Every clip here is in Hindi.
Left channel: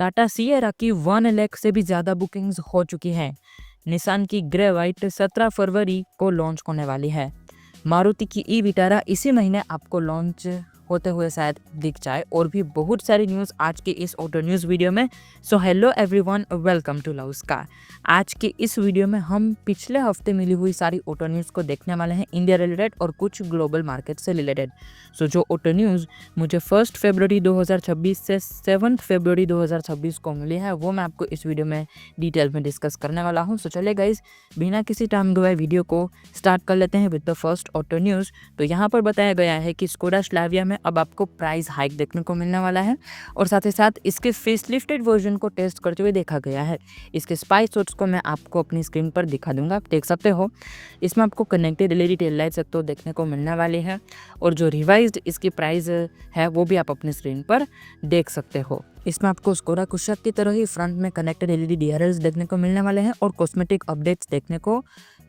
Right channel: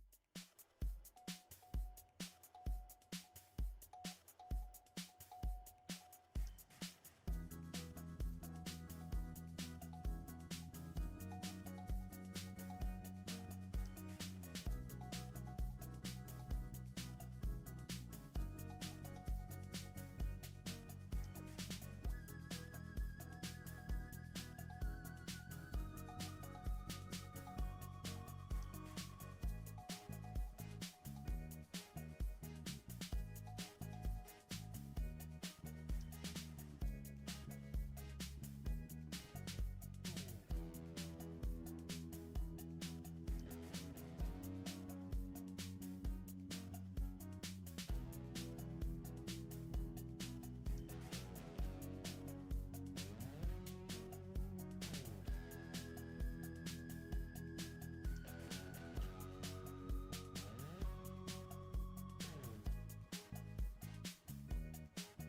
टाटा सिएरा की 1 लाख से भी ज़्यादा बुकिंग्स हो चुकी हैं। निसान की ग्रे वाइट 17 फरवरी को लॉन्च होने वाली है। मारुति की ई विटारा इसी महीने आपको लॉन्च होते हुए शायद दिख जाए। और भी बहुत सारी न्यूज़ आज के इस ऑटो न्यूज़ वीडियो में। So hello everyone, welcome to loves car. आज के इस वीडियो में हम पिछले हफ्ते मिली हुई सारी ऑटो न्यूज़ को देखने वाले हैं, इंडिया रिलेटेड और कुछ ग्लोबल मार्केट से रिलेटेड। सो जो ऑटो न्यूज़ मुझे 1 फरवरी 2026 से 7 फरवरी 2026 को मिली है, वो मैं आपको इस वीडियो में डिटेल में डिस्कस करने वाला हूँ। सो चलिए गाइज, बिना किसी टाइम गवाए वीडियो को स्टार्ट कर लेते हैं with the first auto news. तो यहाँ पर बताया गया है कि स्कोडा स्लाविया में अब आपको प्राइस हाइक देखने को मिलने वाला है और साथ ही साथ इसके फेसलिफ्टेड वर्जन को टेस्ट करते हुए देखा गया है। इसके स्पाई शॉट्स को मैं आपको अपनी स्क्रीन पर दिखा दूंगा, आप देख सकते हो। इसमें आपको कनेक्टेड एलईडी टेल लाइट्स तो देखने को मिलने वाली है और जो रिवाइज्ड इसकी प्राइस है वो भी आप अपनी स्क्रीन पर देख सकते हो। इसमें आपको स्कोडा कुशाक की तरह ही फ्रंट में कनेक्टेड एलईडी डीआरएल्स देखने को मिलने वाले हैं और कॉस्मेटिक अपडेट्स देखने को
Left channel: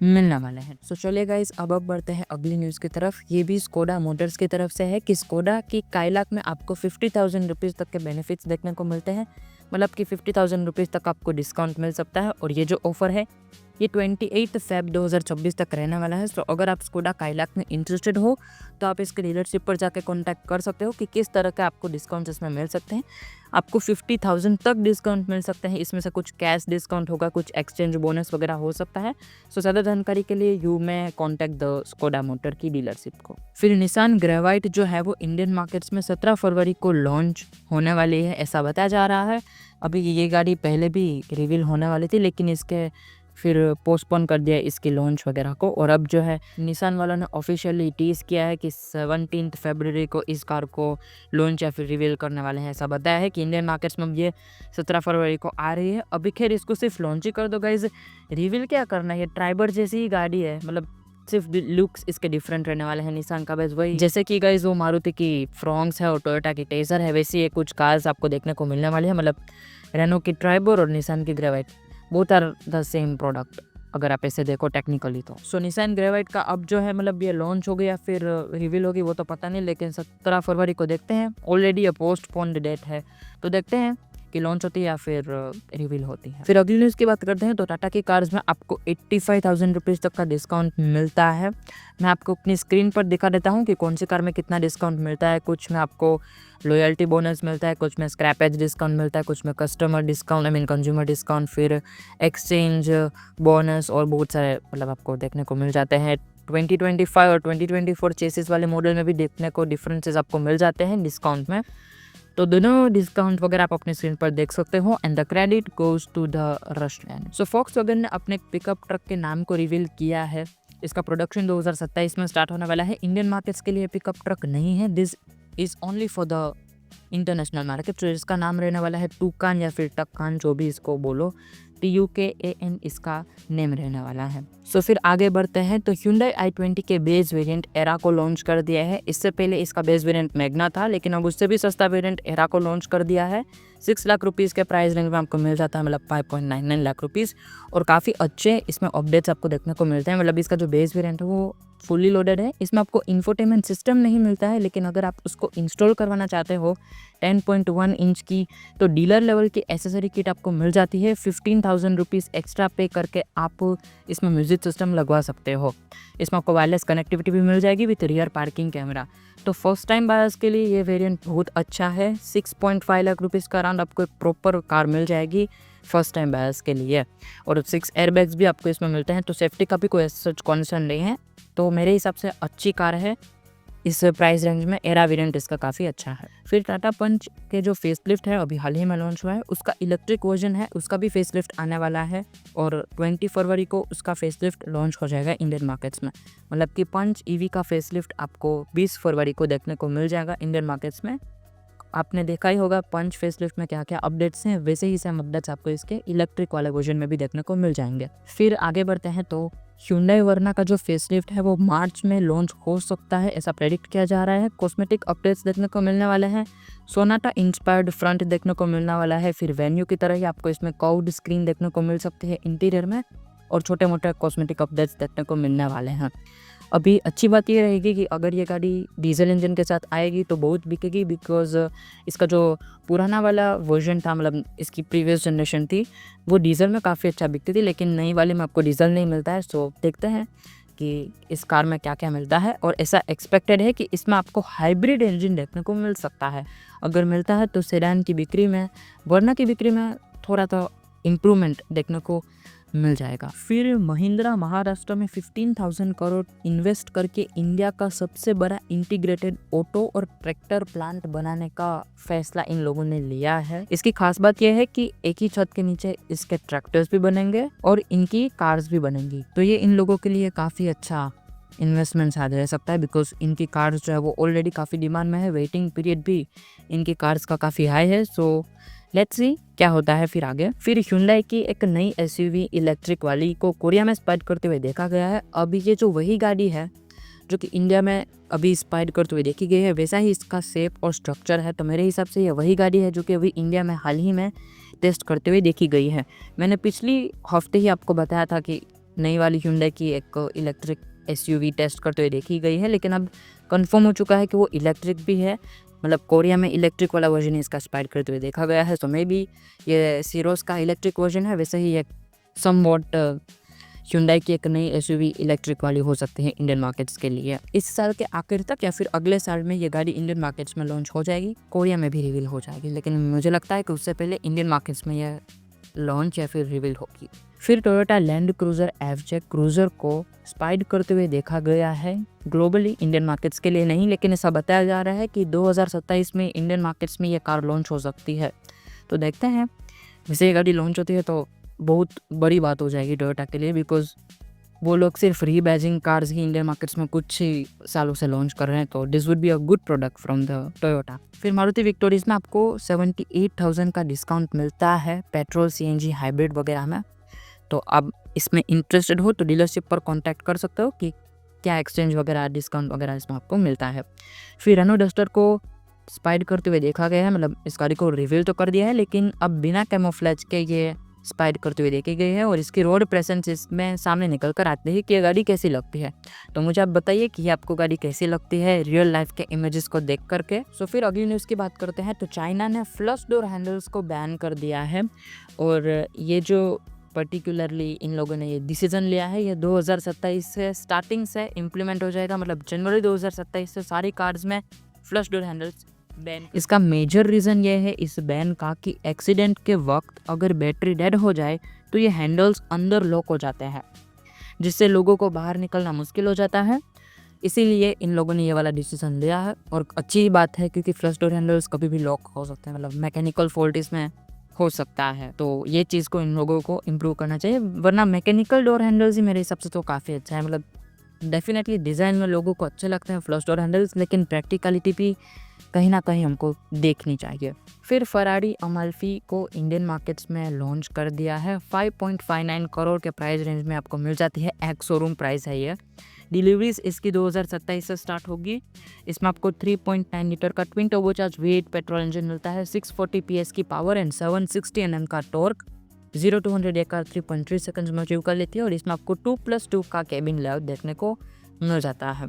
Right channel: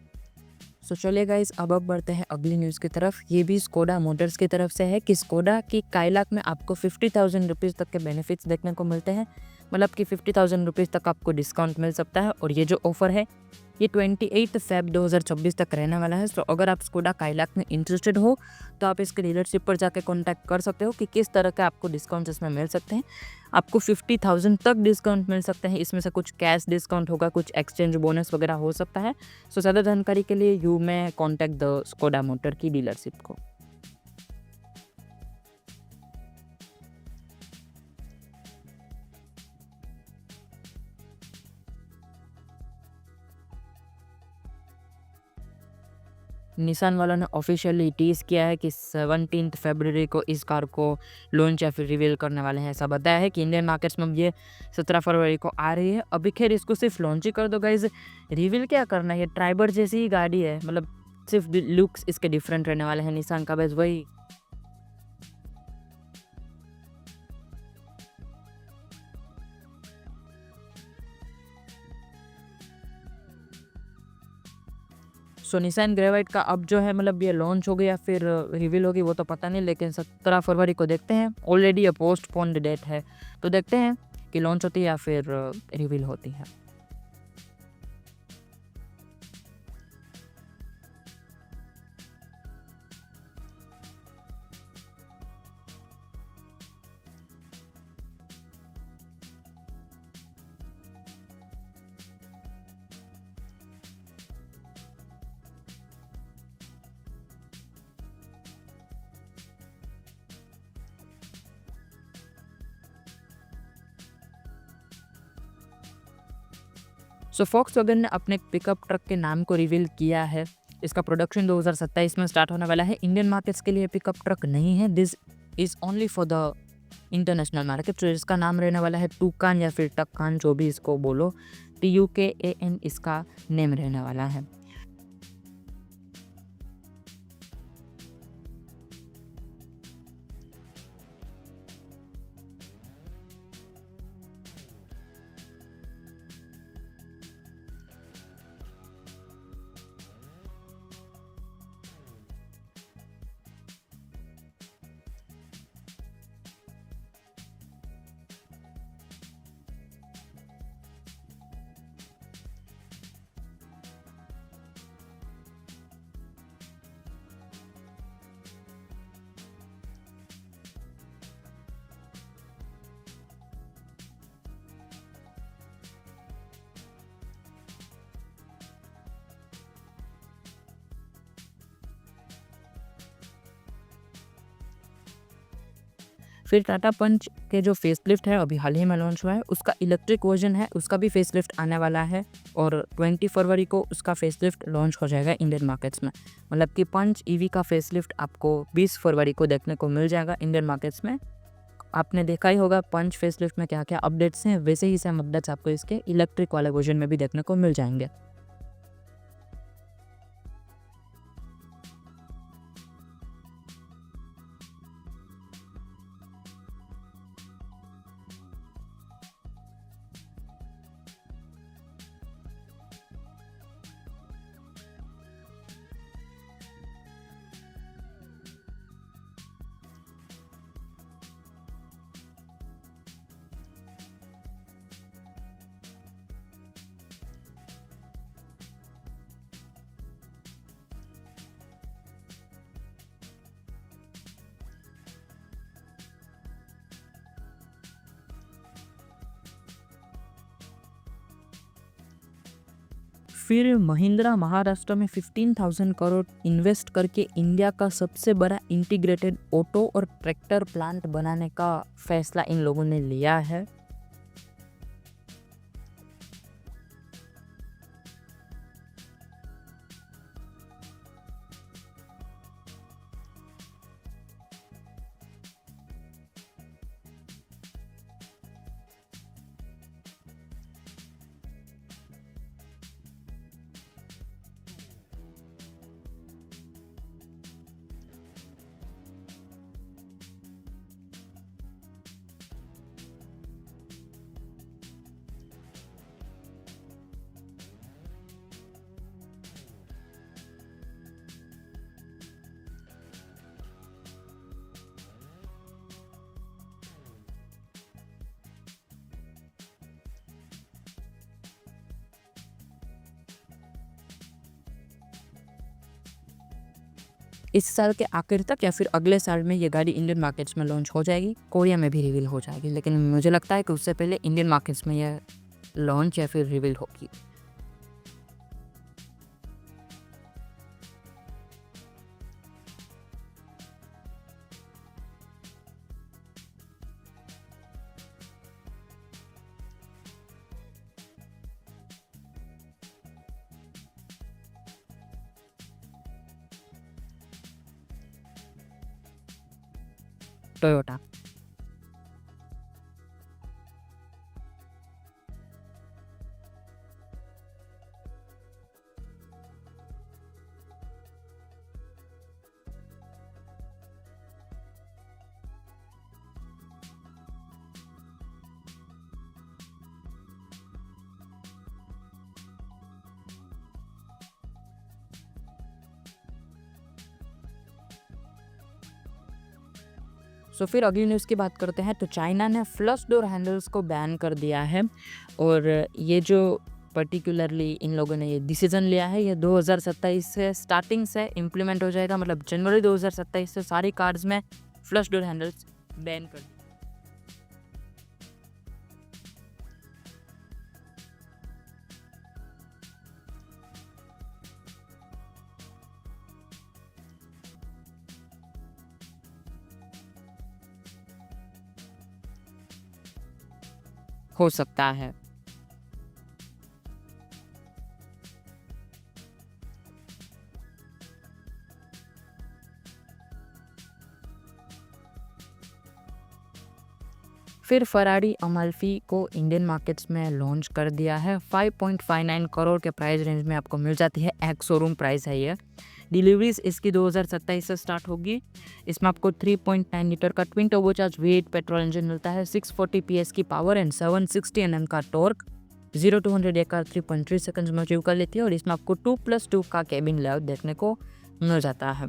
मिलने वाले हैं। सो चलिए गाइस, अब बढ़ते हैं अगली न्यूज़ की तरफ। ये भी स्कोडा मोटर्स की तरफ से है कि स्कोडा की काइलाक में आपको 50,000 रुपीज़ तक के बेनिफिट्स देखने को मिलते हैं। मतलब कि 50,000 रुपीज़ तक आपको डिस्काउंट मिल सकता है और ये जो ऑफर है ये 28 फेब 2026 तक रहने वाला है। तो अगर आप स्कोडा काइलाक में इंटरेस्टेड हो तो आप इसके डीलरशिप पर जाकर कॉन्टैक्ट कर सकते हो कि किस तरह के आपको डिस्काउंट्स इसमें मिल सकते हैं। आपको 50,000 तक डिस्काउंट मिल सकते हैं। इसमें से कुछ कैश डिस्काउंट होगा, कुछ एक्सचेंज बोनस वगैरह हो सकता है। सो ज़्यादा जानकारी के लिए यू में कॉन्टैक्ट द स्कोडा मोटर की डीलरशिप को। फिर निसान ग्रेवाइट जो है वो इंडियन मार्केट्स में 17 फरवरी को लॉन्च होने वाली है, ऐसा बताया जा रहा है। अभी ये गाड़ी पहले भी रिवील होने वाली थी लेकिन इसके फिर पोस्टपोन कर दिया इसकी लॉन्च वगैरह को। और अब जो है निसान वालों ने ऑफिशियली टीज किया है कि 17 फरवरी को इस कार को लॉन्च या फिर रिवील करने वाले हैं। ऐसा बताया है कि इंडियन मार्केट्स में ये 17 फरवरी को आ रही है। अभी खैर इसको सिर्फ लॉन्च ही कर दो गाइज, रिवील क्या करना है। ये ट्राइबर जैसी ही गाड़ी है, मतलब सिर्फ लुक्स इसके डिफरेंट रहने वाले हैं निसान का। बस वही जैसे कि गाइज वो मारुति की फ्रॉन्क्स है और टोयोटा की टेजर है, वैसी ये कुछ कार्स आपको देखने को मिलने वाली है। मतलब रेनो की ट्राइबर और निसान की Gravite both are the same product अगर आप ऐसे देखो टेक्निकली तो। सो निसान ग्रेवाइट का अब जो है मतलब ये लॉन्च होगी या फिर रिवील होगी वो तो पता नहीं, लेकिन 17 फरवरी को देखते हैं। ऑलरेडी ये पोस्टपोन्ड डेट है तो देखते हैं कि लॉन्च होती है या फिर रिवील होती है। फिर अगली न्यूज़ की बात करते हैं तो टाटा की कार्स में आपको 85,000 रुपीज़ तक का डिस्काउंट मिलता है। मैं आपको अपनी स्क्रीन पर दिखा देता हूँ कि कौन सी कार में कितना डिस्काउंट मिलता है। कुछ में आपको लॉयल्टी बोनस मिलता है, कुछ में स्क्रैपेज डिस्काउंट मिलता है, कुछ में customer discount, I mean consumer discount, फिर एक्सचेंज बोनस और बहुत सारे मतलब आपको देखने को मिल जाते हैं। 2025 और 2024 चेसिस वाले मॉडल में भी देखने को डिफरेंसेस आपको मिल जाते हैं डिस्काउंट में। तो दोनों डिस्काउंट वगैरह आप अपने स्क्रीन पर देख सकते हो। And the credit goes to the Russian. So Volkswagen ने अपने पिकअप ट्रक के नाम को रिवील किया है। इसका प्रोडक्शन 2027 में स्टार्ट होने वाला है। इंडियन मार्केट्स के लिए पिकअप ट्रक नहीं है, this is only for the international market. तो इसका नाम रहने वाला है टूकान या फिर टक्कान, जो भी इसको बोलो, TUKAN इसका नेम रहने वाला है। सो फिर आगे बढ़ते हैं तो Hyundai i20 के बेस वेरिएंट एरा को लॉन्च कर दिया है। इससे पहले इसका बेस वेरिएंट मैग्ना था लेकिन अब उससे भी सस्ता वेरिएंट एरा को लॉन्च कर दिया है। 6 लाख रुपीज़ के प्राइस रेंज में आपको मिल जाता है, मतलब 5.99 लाख रुपीज़। और काफ़ी अच्छे इसमें अपडेट्स आपको देखने को मिलते हैं। मतलब इसका जो बेस वेरिएंट है वो फुली लोडेड है। इसमें आपको इंफोटेनमेंट सिस्टम नहीं मिलता है, लेकिन अगर आप उसको इंस्टॉल करवाना चाहते हो 10.1 इंच की तो डीलर लेवल की एसेसरी किट आपको मिल जाती है। 15,000 रुपीज़ एक्स्ट्रा पे करके आप इसमें म्यूजिक सिस्टम लगवा सकते हो। इसमें आपको वायरलेस कनेक्टिविटी भी मिल जाएगी विथ रियर पार्किंग कैमरा। तो फर्स्ट टाइम बायर्स के लिए ये वेरिएंट बहुत अच्छा है। 6.5 लाख रुपीज़ का अराउंड आपको एक प्रॉपर कार मिल जाएगी फर्स्ट टाइम बायर्स के लिए। और 6 एयरबैग्स भी आपको इसमें मिलते हैं, तो सेफ्टी का भी कोई सच कॉन्सर्न नहीं है। तो मेरे हिसाब से अच्छी कार है। इस प्राइस रेंज में एरा वेरिएंट इसका काफ़ी अच्छा है। फिर टाटा पंच के जो फेसलिफ्ट है अभी हाल ही में लॉन्च हुआ है, उसका इलेक्ट्रिक वर्जन है, उसका भी फेसलिफ्ट आने वाला है और 20 फरवरी को उसका फेसलिफ्ट लॉन्च हो जाएगा इंडियन मार्केट्स में। मतलब कि पंच ईवी का फेसलिफ्ट आपको 20 फरवरी को देखने को मिल जाएगा इंडियन मार्केट्स में। आपने देखा ही होगा पंच फेसलिफ्ट में क्या क्या अपडेट्स हैं, वैसे ही सेम अपडेट्स आपको इसके इलेक्ट्रिक वाले वर्जन में भी देखने को मिल जाएंगे। फिर आगे बढ़ते हैं तो Hyundai वर्ना का जो फेसलिफ्ट है वो मार्च में लॉन्च हो सकता है, ऐसा प्रेडिक्ट किया जा रहा है। कॉस्मेटिक अपडेट्स देखने को मिलने वाले हैं। सोनाटा इंस्पायर्ड फ्रंट देखने को मिलने वाला है। फिर वेन्यू की तरह ही आपको इसमें कर्व्ड स्क्रीन देखने को मिल सकती है इंटीरियर में और छोटे मोटे कॉस्मेटिक अपडेट्स देखने को मिलने वाले हैं। अभी अच्छी बात ये रहेगी कि अगर ये गाड़ी डीजल इंजन के साथ आएगी तो बहुत बिकेगी, बिकॉज़ इसका जो पुराना वाला वर्ज़न था, मतलब इसकी प्रीवियस जनरेशन थी, वो डीज़ल में काफ़ी अच्छा बिकती थी, लेकिन नई वाले में आपको डीज़ल नहीं मिलता है। सो देखते हैं कि इस कार में क्या-क्या मिलता है, और ऐसा एक्सपेक्टेड है कि इसमें आपको हाइब्रिड इंजन देखने को मिल सकता है। अगर मिलता है तो सेडान की बिक्री में, वर्ना की बिक्री में थोड़ा तो इम्प्रूवमेंट देखने को मिल जाएगा। फिर महिंद्रा महाराष्ट्र में 15,000 करोड़ इन्वेस्ट करके इंडिया का सबसे बड़ा इंटीग्रेटेड ऑटो और ट्रैक्टर प्लांट बनाने का फैसला इन लोगों ने लिया है। इसकी खास बात यह है कि एक ही छत के नीचे इसके ट्रैक्टर्स भी बनेंगे और इनकी कार्स भी बनेंगी, तो ये इन लोगों के लिए काफ़ी अच्छा इन्वेस्टमेंट शायद रह सकता है, बिकॉज इनकी कार्स जो है वो ऑलरेडी काफ़ी डिमांड में है, वेटिंग पीरियड भी इनकी कार्स का काफ़ी हाई है। सो लेट्स सी क्या होता है फिर आगे। फिर Hyundai की एक नई SUV इलेक्ट्रिक वाली को कोरिया में स्पाइड करते हुए देखा गया है। अभी ये जो वही गाड़ी है जो कि इंडिया में अभी स्पाइड करते हुए देखी गई है, वैसा ही इसका शेप और स्ट्रक्चर है, तो मेरे हिसाब से ये वही गाड़ी है जो कि अभी इंडिया में हाल ही में टेस्ट करते हुए देखी गई है। मैंने पिछली हफ्ते ही आपको बताया था कि नई वाली Hyundai की एक इलेक्ट्रिक SUV टेस्ट करते हुए देखी गई है, लेकिन अब कंफर्म हो चुका है कि वो इलेक्ट्रिक भी है, मतलब कोरिया में इलेक्ट्रिक वाला वर्जन इसका स्पाइड करते हुए देखा गया है। तो मे बी ये सीरोस का इलेक्ट्रिक वर्जन है, वैसे ही एक समवॉट Hyundai की एक नई SUV इलेक्ट्रिक वाली हो सकती है इंडियन मार्केट्स के लिए। इस साल के आखिर तक या फिर अगले साल में ये गाड़ी इंडियन मार्केट्स में लॉन्च हो जाएगी, कोरिया में भी रिवील हो जाएगी, लेकिन मुझे लगता है कि उससे पहले इंडियन मार्केट्स में यह लॉन्च या फिर रिवील होगी। फिर Toyota land cruiser FJ cruiser को स्पाइड करते हुए देखा गया है, ग्लोबली इंडियन मार्केट्स के लिए नहीं, लेकिन ऐसा बताया जा रहा है कि 2027 में इंडियन मार्केट्स में ये कार लॉन्च हो सकती है। तो देखते हैं, वैसे ये गाड़ी लॉन्च होती है तो बहुत बड़ी बात हो जाएगी टोयोटा के लिए, बिकॉज वो लोग सिर्फ रीबैजिंग कार्स ही इंडियन मार्केट्स में कुछ ही सालों से लॉन्च कर रहे हैं, तो this would be a good product from the Toyota. फिर मारुति विक्टोरियस में आपको 78,000 का डिस्काउंट मिलता है पेट्रोल CNG हाइब्रिड वगैरह में। तो अब इसमें इंटरेस्टेड हो तो डीलरशिप पर कांटेक्ट कर सकते हो कि क्या एक्सचेंज वगैरह डिस्काउंट वगैरह इसमें आपको मिलता है। फिर रेनो डस्टर को स्पाइड करते हुए देखा गया है, मतलब इस गाड़ी को रिवील तो कर दिया है, लेकिन अब बिना कैमोफ्लेज के ये स्पाइड करते हुए देखी गई है, और इसकी रोड प्रेजेंस इसमें सामने निकल कर आते हैं कि ये गाड़ी कैसी लगती है। तो मुझे आप बताइए कि आपको गाड़ी कैसी लगती है रियल लाइफ के इमेजेस को देख करके। सो फिर अगली न्यूज़ की बात करते हैं, तो चाइना ने फ्लश डोर हैंडल्स को बैन कर दिया है, और ये जो पर्टिकुलरली इन लोगों ने ये डिसीजन लिया है, ये 2027 से स्टार्टिंग से इम्प्लीमेंट हो जाएगा, मतलब जनवरी 2027 से सारी कार्स में फ्लश डोर हैंडल्स बैन। इसका मेजर रीज़न ये है इस बैन का कि एक्सीडेंट के वक्त अगर बैटरी डेड हो जाए तो ये हैंडल्स अंदर लॉक हो जाते हैं, जिससे लोगों को बाहर निकलना मुश्किल हो जाता है। इसीलिए इन लोगों ने ये वाला डिसीजन लिया है, और अच्छी बात है क्योंकि फ्लश डोर हैंडल्स कभी भी लॉक हो सकते हैं, मतलब मैकेनिकल फॉल्ट इसमें हो सकता है, तो ये चीज़ को इन लोगों को इम्प्रूव करना चाहिए, वरना मैकेनिकल डोर हैंडल्स ही मेरे हिसाब से तो काफ़ी अच्छा है। मतलब डेफिनेटली डिज़ाइन में लोगों को अच्छे लगते हैं फ्लश डोर हैंडल्स, लेकिन प्रैक्टिकलिटी भी कहीं ना कहीं हमको देखनी चाहिए। फिर फरारी अमाल्फी को इंडियन मार्केट्स में लॉन्च कर दिया है, 5.59 करोड़ के प्राइस रेंज में आपको मिल जाती है, एक्स शोरूम प्राइस है ये। डिलीवरीज इसकी 2027 से स्टार्ट होगी। इसमें आपको 3.9 लीटर का twin turbocharge V8 petrol engine मिलता है, 640 PS की पावर एंड 760 Nm का टॉर्क, 0 to 100 कार 3.3 सेकंड्स में अचीव कर लेती है, और इसमें आपको 2+2 का केबिन लेआउट देखने को मिल जाता है।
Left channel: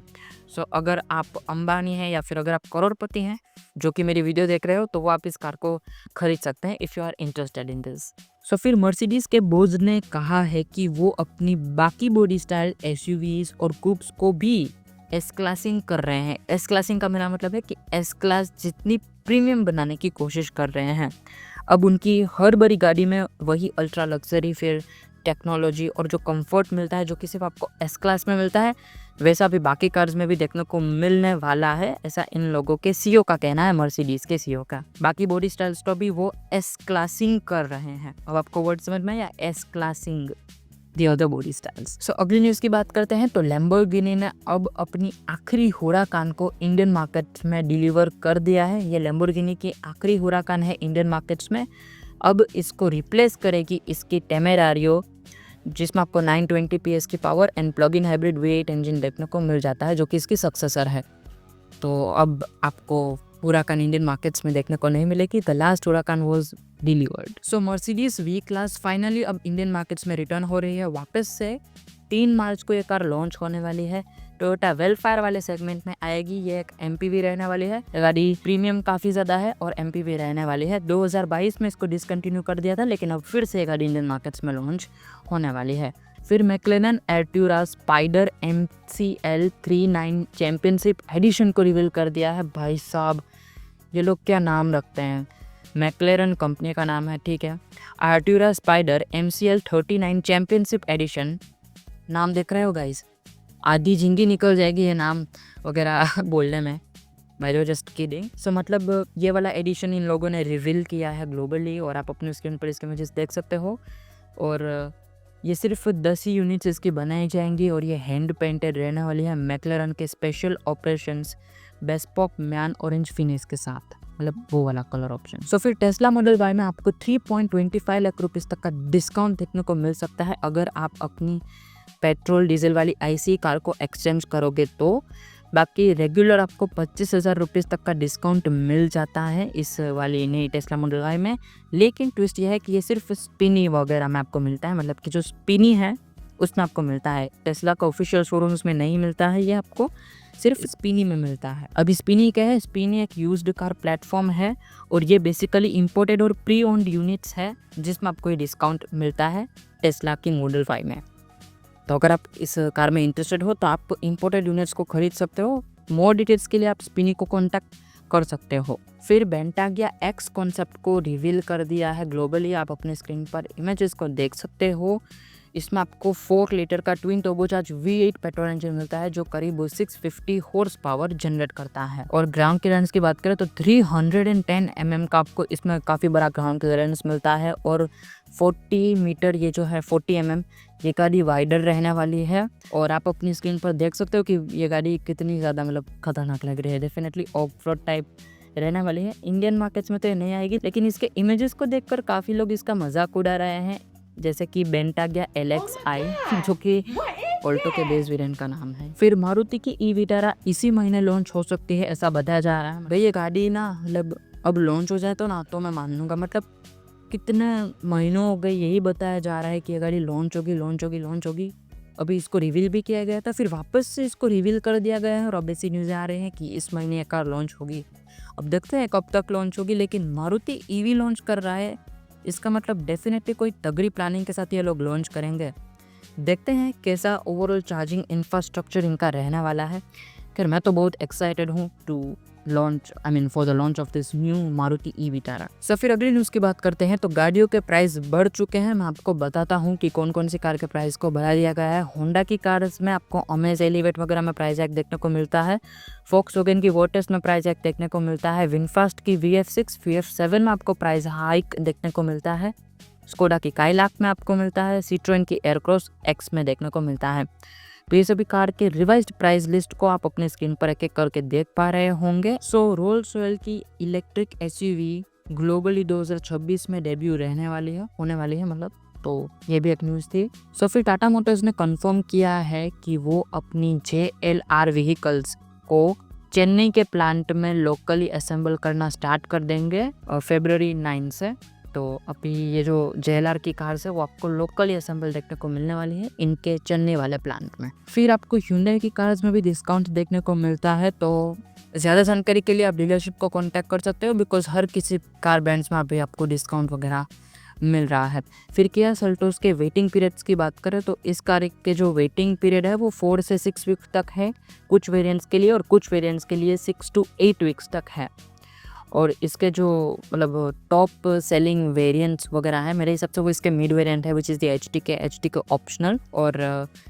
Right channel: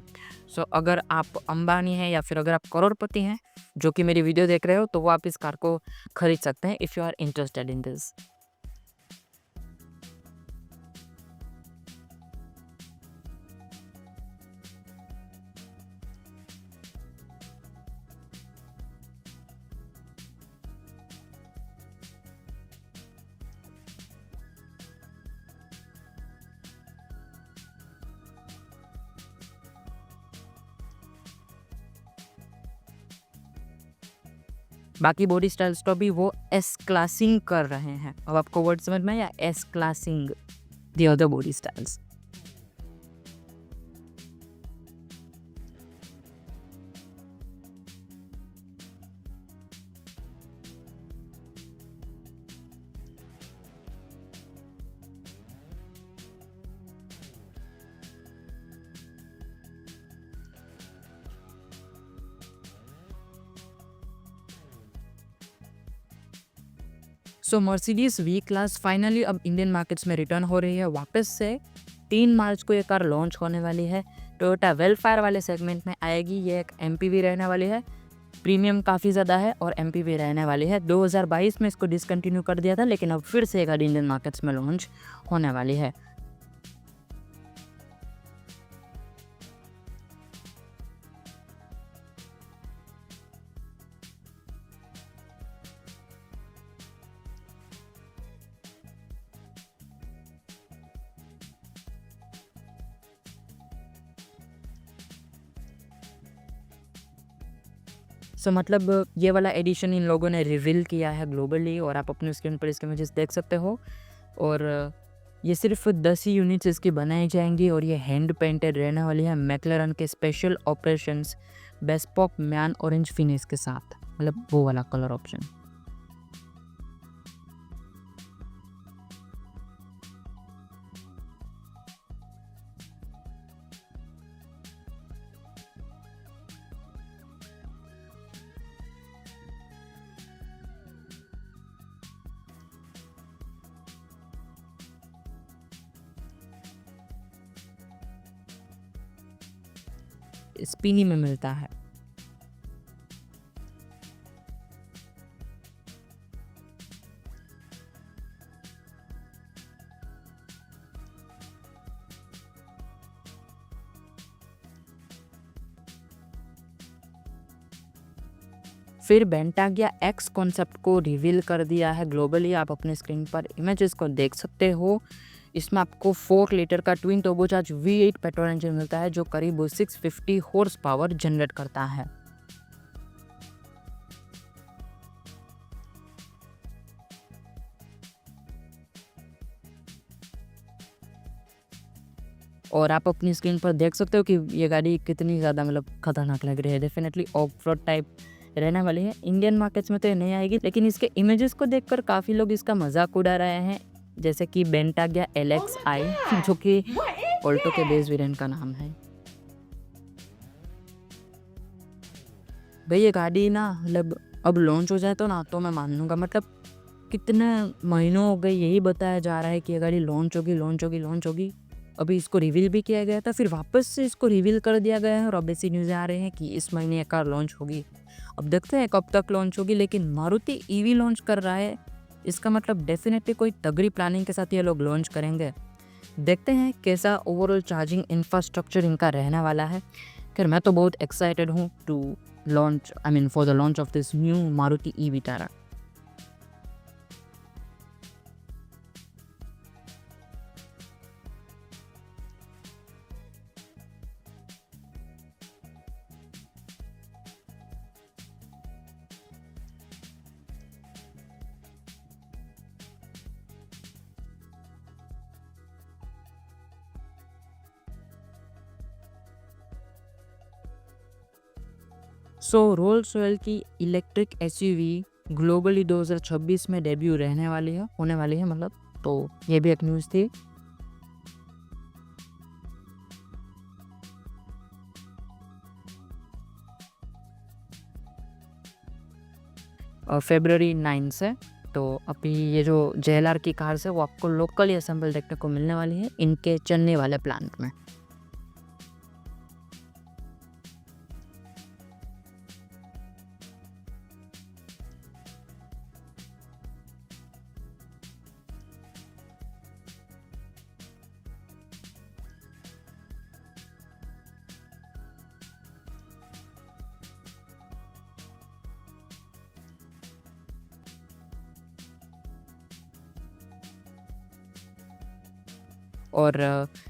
सो अगर आप अंबानी हैं या फिर अगर आप करोड़पति हैं जो कि मेरी वीडियो देख रहे हो, तो वो आप इस कार को खरीद सकते हैं if you are interested in this. So फिर मर्सिडीज़ के बोज ने कहा है कि वो अपनी बाकी बॉडी स्टाइल SUVs और कूप्स को भी S क्लासिंग कर रहे हैं। S क्लासिंग का मेरा मतलब है कि S क्लास जितनी प्रीमियम बनाने की कोशिश कर रहे हैं। अब उनकी हर बड़ी गाड़ी में वही अल्ट्रा लग्जरी फिर टेक्नोलॉजी और जो कंफर्ट मिलता है जो कि सिर्फ आपको S क्लास में मिलता है, वैसा भी बाकी कार्स में भी देखने को मिलने वाला है, ऐसा इन लोगों के CEO का कहना है, मर्सिडीज के CEO का। बाकी बॉडी स्टाइल्स तो भी वो S क्लासिंग कर रहे हैं। अब आपको वर्ड समझ में या S classing the other body styles. So अगली न्यूज़ की बात करते हैं, तो लैम्बोर्गिनी ने अब अपनी आखिरी हुराकान को इंडियन मार्केट में डिलीवर कर दिया है। ये लैम्बोर्गिनी की आखिरी हुराकान है इंडियन मार्केट्स में। अब इसको रिप्लेस करेगी इसकी टेमेरारियो, जिसमें आपको 920 PS की power and plug in hybrid V8 engine देखने को मिल जाता है, जो कि इसकी सक्सेसर है। तो अब आपको हुराकान इंडियन मार्केट्स में देखने को नहीं मिलेगी। The last Huracan was delivered. So Mercedes V class finally अब इंडियन मार्केट्स में रिटर्न हो रही है वापस से। 3 मार्च को ये कार लॉन्च होने वाली है। टोयोटा वेलफेयर वाले सेगमेंट में आएगी। ये एक एमपीवी रहने वाली है। गाड़ी प्रीमियम काफ़ी ज़्यादा है और एमपीवी रहने वाली है। 2022 में इसको डिसकंटिन्यू कर दिया था, लेकिन अब फिर से ये गाड़ी इंडियन मार्केट्स में लॉन्च होने वाली है। फिर McLaren Artura Spider MCL 39 championship edition को रिवील कर दिया है। भाई साहब, ये लोग क्या नाम रखते हैं। मैक्लेरन कंपनी का नाम है, ठीक है। एर्ट्यूरा स्पाइडर MCL 39 चैंपियनशिप एडिशन, नाम देख रहे हो गाइस, आधी जिंदगी निकल जाएगी ये नाम वगैरह बोलने में। मैं जस्ट किडिंग। सो मतलब ये वाला एडिशन इन लोगों ने रिवील किया है ग्लोबली, और आप अपने स्क्रीन पर इसके इमेजेस देख सकते हो। और ये सिर्फ 10 ही यूनिट्स इसकी बनाई जाएंगी और ये हैंड पेंटेड रहने वाली है मैक्लेरन के special operations bespoke man orange finish के साथ, मतलब वो वाला कलर ऑप्शन। सो फिर टेस्ला मॉडल Y में आपको 3.25 लाख रुपीस तक का डिस्काउंट देखने को मिल सकता है अगर आप अपनी पेट्रोल डीजल वाली ICE कार को एक्सचेंज करोगे तो। बाकी रेगुलर आपको 25,000 रुपीज़ तक का डिस्काउंट मिल जाता है इस वाली नई टेस्ला मॉडल Y में। लेकिन ट्विस्ट ये है कि ये सिर्फ स्पिनी वगैरह में आपको मिलता है, मतलब कि जो स्पिनी है उसमें आपको मिलता है। टेस्ला का ऑफिशियल शोरूम्स में नहीं मिलता है, ये आपको सिर्फ स्पिनी में मिलता है। अब स्पिनी क्या है? स्पिनी एक यूज्ड कार प्लेटफॉर्म है और ये बेसिकली इंपोर्टेड और प्री ओन्ड यूनिट्स है जिसमें आपको ये डिस्काउंट मिलता है टेस्ला की मॉडल 5 में। तो अगर आप इस कार में इंटरेस्टेड हो तो आप इंपोर्टेड यूनिट्स को खरीद सकते हो। मोर डिटेल्स के लिए आप स्पिनी को कॉन्टैक्ट कर सकते हो। फिर बेंटागिया X कॉन्सेप्ट को रिवील कर दिया है ग्लोबली। आप अपने स्क्रीन पर इमेजेस को देख सकते हो। इसमें आपको 4 लीटर का twin turbocharge V8 petrol engine मिलता है जो करीब 650 हॉर्स पावर जनरेट करता है। और ग्राउंड क्लियरेंस की बात करें तो 310 mm का आपको इसमें काफ़ी बड़ा ग्राउंड क्लियरेंस मिलता है। और 40 मीटर ये जो है 40 mm ये गाड़ी वाइडर रहने वाली है। और आप अपनी स्क्रीन पर देख सकते हो कि ये गाड़ी कितनी ज़्यादा मतलब खतरनाक लग रही है। डेफिनेटली ऑफ रोड टाइप रहने वाली है। इंडियन मार्केट्स में तो ये नहीं आएगी, लेकिन इसके इमेजेस को देखकर काफ़ी लोग इसका मजाक उड़ा रहे हैं, जैसे कि बेंटागिया LXi जो कि ऑल्टो के बेस वेरिएंट का नाम है। फिर मारुति की ई विटारा इसी महीने लॉन्च हो सकती है, ऐसा बताया जा रहा है। भाई ये गाड़ी ना मतलब अब लॉन्च हो जाए तो ना तो मैं मान लूँगा। मतलब कितने महीनों हो गए यही बताया जा रहा है कि ये गाड़ी लॉन्च होगी। अभी इसको रिवील भी किया गया था, फिर वापस से इसको रिवील कर दिया गया है और अब ऐसी न्यूज़ आ रही हैं कि इस महीने ये कार लॉन्च होगी। अब देखते हैं कब तक लॉन्च होगी, लेकिन मारुति EV लॉन्च कर रहा है, इसका मतलब डेफिनेटली कोई तगड़ी प्लानिंग के साथ ये लोग लॉन्च करेंगे। देखते हैं कैसा ओवरऑल चार्जिंग इंफ्रास्ट्रक्चर इनका रहने वाला है। खैर मैं तो बहुत एक्साइटेड हूँ for the launch of this new Maruti e Vitara. So फिर अगली न्यूज़ की बात करते हैं। तो गाड़ियों के प्राइस बढ़ चुके हैं। मैं आपको बताता हूँ कि कौन कौन सी कार के प्राइस को बढ़ा दिया गया है। होंडा की कार्स में आपको अमेज एलिवेट वगैरह में प्राइस हैक देखने को मिलता है। वोक्सवैगन की वोर्टिस में प्राइस हैक देखने को मिलता है। विनफास्ट की VF6 VF7 में आपको प्राइस हाइक देखने को मिलता है। स्कोडा की काइलाक में आपको मिलता है। सिट्रोएन की एयरक्रॉस X में देखने को मिलता है। तो ये सभी कार के रिवाइज्ड प्राइस लिस्ट को आप अपने स्क्रीन पर एक एक करके देख पा रहे होंगे। सो रोल्स रॉयल की इलेक्ट्रिक SUV ग्लोबली 2026 में डेब्यू होने वाली है मतलब। तो ये भी एक न्यूज़ थी। सो फिर टाटा मोटर्स ने कंफर्म किया है कि वो अपनी JLR व्हीकल्स को चेन्नई के प्लांट में लोकली असेंबल करना स्टार्ट कर देंगे February 9 से। तो अभी ये जो JLR की कार्स है वो आपको लोकली असेंबल देखने को मिलने वाली है इनके चेन्नई वाले प्लांट में। फिर आपको Hyundai की कार्स में भी डिस्काउंट देखने को मिलता है। तो ज़्यादा जानकारी के लिए आप डीलरशिप को कांटेक्ट कर सकते हो, बिकॉज हर किसी कार ब्रांड्स में अभी आपको डिस्काउंट वगैरह मिल रहा है। फिर किया सेल्टोस के वेटिंग पीरियड्स की बात करें तो इस कार के जो वेटिंग पीरियड है वो 4 से 6 वीक्स तक है कुछ वेरिएंट्स के लिए, और कुछ वेरिएंट्स के लिए 6 to 8 वीक्स तक है। और इसके जो मतलब टॉप सेलिंग वेरिएंट्स वगैरह है मेरे हिसाब से वो इसके मिड वेरिएंट है which is the HTK optional. और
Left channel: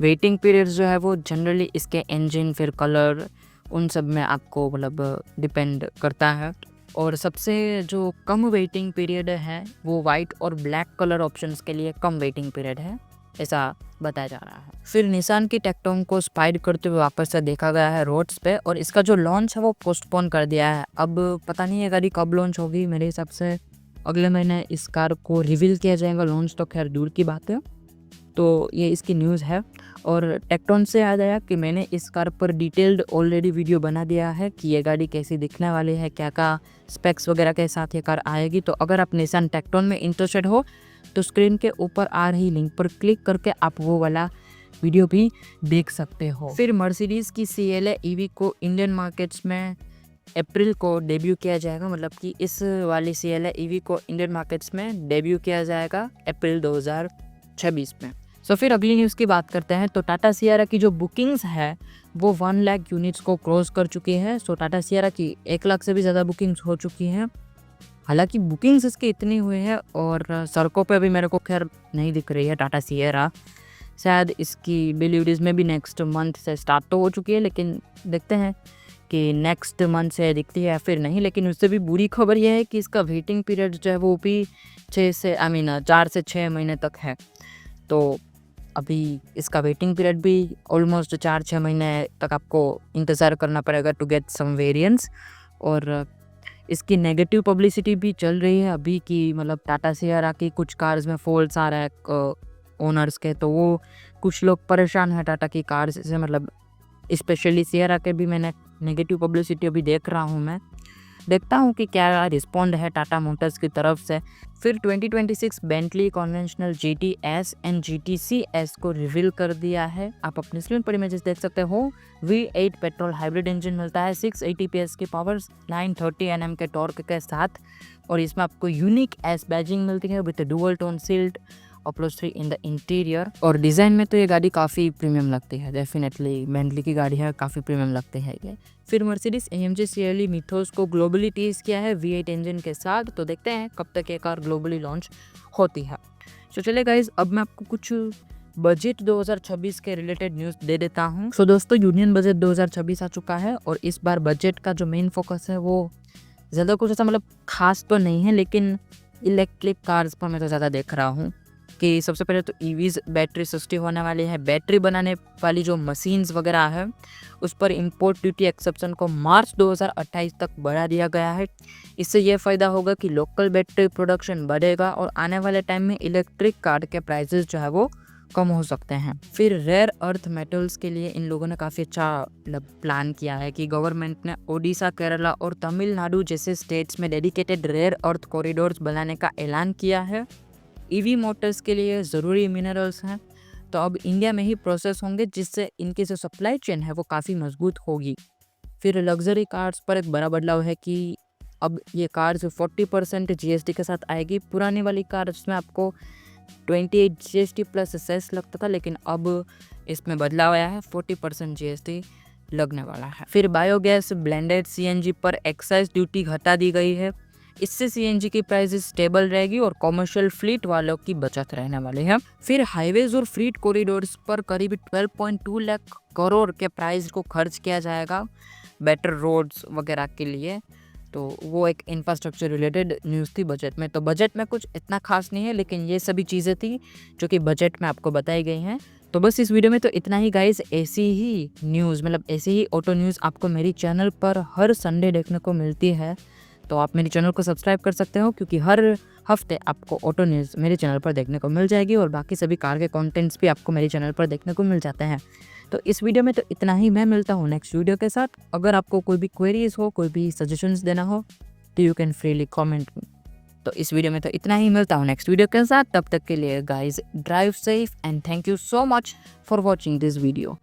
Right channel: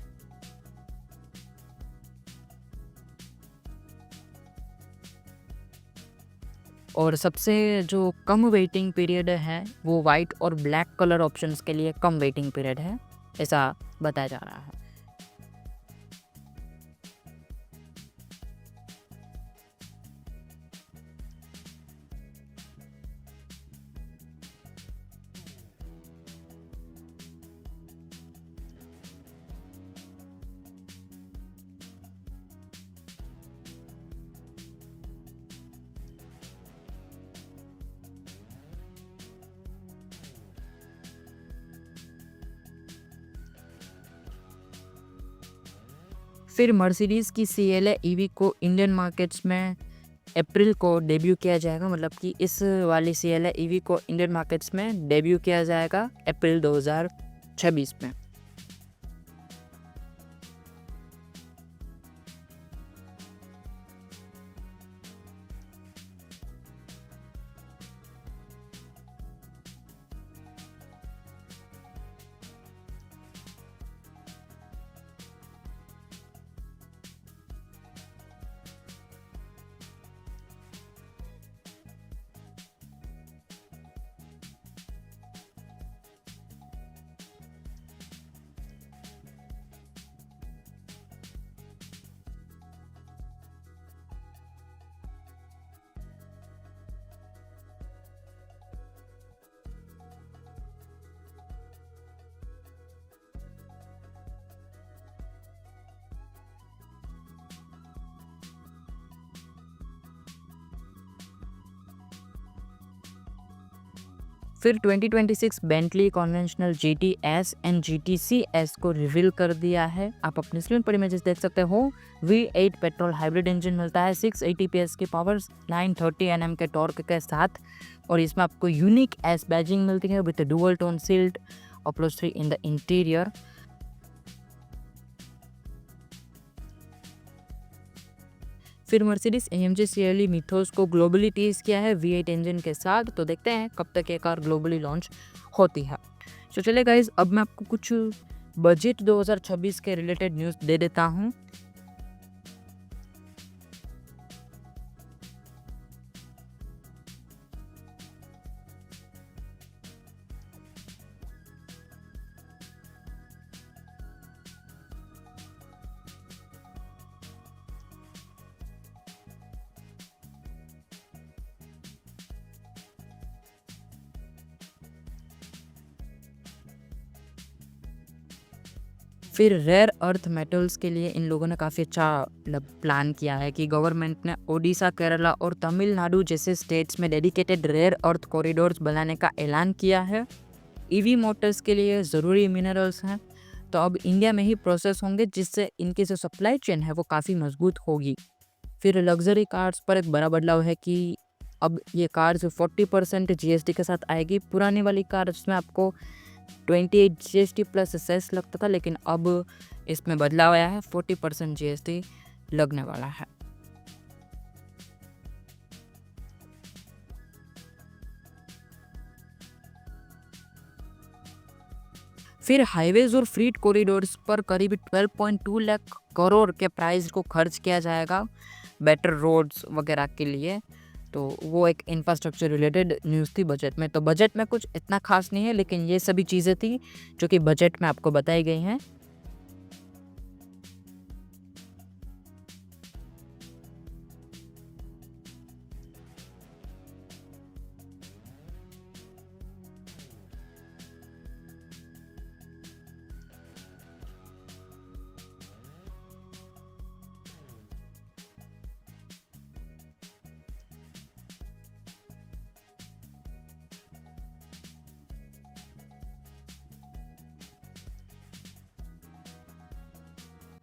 वेटिंग पीरियड्स जो है वो जनरली इसके इंजन फिर कलर उन सब में आपको मतलब डिपेंड करता है। और सबसे जो कम वेटिंग पीरियड है वो वाइट और ब्लैक कलर ऑप्शंस के लिए कम वेटिंग पीरियड है, ऐसा बताया जा रहा है। फिर निसान की टेक्टोन को स्पाइड करते हुए वापस से देखा गया है रोड्स पे, और इसका जो लॉन्च है वो पोस्टपोन कर दिया है। अब पता नहीं है गाड़ी कब लॉन्च होगी। मेरे हिसाब से अगले महीने इस कार को रिवील किया जाएगा। लॉन्च तो खैर दूर की बात है। तो ये इसकी न्यूज़ है। और टेक्टोन से याद आया कि मैंने इस कार पर डिटेल्ड ऑलरेडी वीडियो बना दिया है कि ये गाड़ी कैसी दिखने वाली है, क्या क्या स्पेक्स वगैरह के साथ ये कार आएगी। तो अगर आप निसान टेक्टोन में इंटरेस्टेड हो तो स्क्रीन के ऊपर आ रही लिंक पर क्लिक करके आप वो वाला वीडियो भी देख सकते हो। फिर मर्सिडीज़ की CLA EV को इंडियन मार्केट्स में अप्रैल को डेब्यू किया जाएगा, मतलब कि इस वाली CLA EV को इंडियन मार्केट्स में डेब्यू किया जाएगा अप्रैल 2026 में। सो फिर अगली न्यूज़ की बात करते हैं। तो टाटा सियारा की जो बुकिंग्स है वो 1 लाख यूनिट्स को क्रॉस कर चुकी है। सो टाटा सियारा की 1 लाख से भी ज़्यादा बुकिंग्स हो चुकी हैं। हालांकि बुकिंग्स इसकी इतनी हुई है और सड़कों पे भी मेरे को खैर नहीं दिख रही है टाटा सियरा। शायद इसकी डिलीवरीज में भी नेक्स्ट मंथ से स्टार्ट तो हो चुकी है, लेकिन देखते हैं कि नेक्स्ट मंथ से दिखती है या फिर नहीं। लेकिन उससे भी बुरी खबर यह है कि इसका वेटिंग पीरियड जो है वो भी 4 से 6 महीने तक है। तो अभी इसका वेटिंग पीरियड भी ऑलमोस्ट 4-6 महीने तक आपको इंतज़ार करना पड़ेगा टू गेट सम वेरिएंट्स। और इसकी नेगेटिव पब्लिसिटी भी चल रही है अभी कि मतलब टाटा सियारा की कुछ कार्स में फॉल्ट्स आ रहा है ओनर्स के, तो वो कुछ लोग परेशान हैं टाटा की कार्स से, मतलब स्पेशली सियारा के भी मैंने नेगेटिव पब्लिसिटी अभी देख रहा हूँ। मैं देखता हूँ कि क्या रिस्पॉन्ड है टाटा मोटर्स की तरफ से। फिर 2026 Bentley conventional GT S and GT CS को रिवील कर दिया है। आप अपने स्क्रीन पर इमेजेस देख सकते हो। V8 पेट्रोल हाइब्रिड इंजन मिलता है 680 PS की पावर, 930 Nm के टॉर्क के साथ, और इसमें आपको यूनिक S बैजिंग मिलती है with dual tone sealed upholstery in the interior. और डिज़ाइन में तो ये गाड़ी काफ़ी प्रीमियम लगती है, डेफिनेटली बेंटली की गाड़ी है, काफ़ी प्रीमियम लगती है ये। फिर मर्सिडीज AMG CLE मिथोस को ग्लोबली टीज किया है V8 इंजन के साथ। तो देखते हैं कब तक ये कार ग्लोबली लॉन्च होती है। तो चलिए गाइज, अब मैं आपको कुछ बजट 2026 के रिलेटेड न्यूज़ दे देता हूँ। सो दोस्तों, यूनियन बजट 2026 आ चुका है और इस बार बजट का जो मेन फोकस है वो ज़्यादा कुछ ऐसा मतलब खास तो नहीं है, लेकिन इलेक्ट्रिक कार्स पर मैं तो ज़्यादा देख रहा हूँ कि सबसे पहले तो EVs बैटरी सस्ती होने वाली है। बैटरी बनाने वाली जो मशीन्स वगैरह है उस पर इंपोर्ट ड्यूटी एक्सेप्शन को मार्च 2028 तक बढ़ा दिया गया है। इससे यह फ़ायदा होगा कि लोकल बैटरी प्रोडक्शन बढ़ेगा और आने वाले टाइम में इलेक्ट्रिक कार के प्राइसेस जो है वो कम हो सकते हैं। फिर रेयर अर्थ मेटल्स के लिए इन लोगों ने काफ़ी अच्छा प्लान किया है कि गवर्नमेंट ने ओडिशा, केरला और तमिलनाडु जैसे स्टेट्स में डेडिकेटेड रेयर अर्थ कॉरिडोर्स बनाने का ऐलान किया है। EV मोटर्स के लिए ज़रूरी मिनरल्स हैं तो अब इंडिया में ही प्रोसेस होंगे, जिससे इनकी जो सप्लाई चेन है वो काफ़ी मजबूत होगी। फिर लग्जरी कार्स पर एक बड़ा बदलाव है कि अब ये कार्स 40% GST के साथ आएगी। पुरानी वाली कार्स में आपको 28 GST प्लस सेस लगता था, लेकिन अब इसमें बदलाव आया है, 40% GST लगने वाला है। फिर बायोगैस ब्लेंडेड CNG पर एक्साइज ड्यूटी घटा दी गई है। इससे CNG की प्राइस स्टेबल रहेगी और कॉमर्शियल फ्लीट वालों की बचत रहने वाली है। फिर हाईवेज और फ्लीट कॉरिडोर्स पर करीब 12.2 लाख करोड़ के प्राइस को खर्च किया जाएगा बेटर रोड्स वगैरह के लिए। तो वो एक इंफ्रास्ट्रक्चर रिलेटेड न्यूज़ थी बजट में। तो बजट में कुछ इतना खास नहीं है, लेकिन ये सभी चीज़ें थी जो कि बजट में आपको बताई गई हैं। तो बस इस वीडियो में तो इतना ही गाइस। ऐसी ही न्यूज़, मतलब ऐसी ही ऑटो न्यूज़ आपको मेरी चैनल पर हर संडे देखने को मिलती है। तो आप मेरे चैनल को सब्सक्राइब कर सकते हो, क्योंकि हर हफ्ते आपको ऑटो न्यूज़ मेरे चैनल पर देखने को मिल जाएगी और बाकी सभी कार के कंटेंट्स भी आपको मेरे चैनल पर देखने को मिल जाते हैं। तो इस वीडियो में तो इतना ही। मैं मिलता हूँ नेक्स्ट वीडियो के साथ। अगर आपको कोई भी क्वेरीज हो, कोई भी सजेशंस देना हो, तो यू कैन फ्रीली कमेंट। तो इस वीडियो में तो इतना ही। मिलता हूँ नेक्स्ट वीडियो के साथ। तब तक के लिए guys drive safe and thank you so much for watching this video.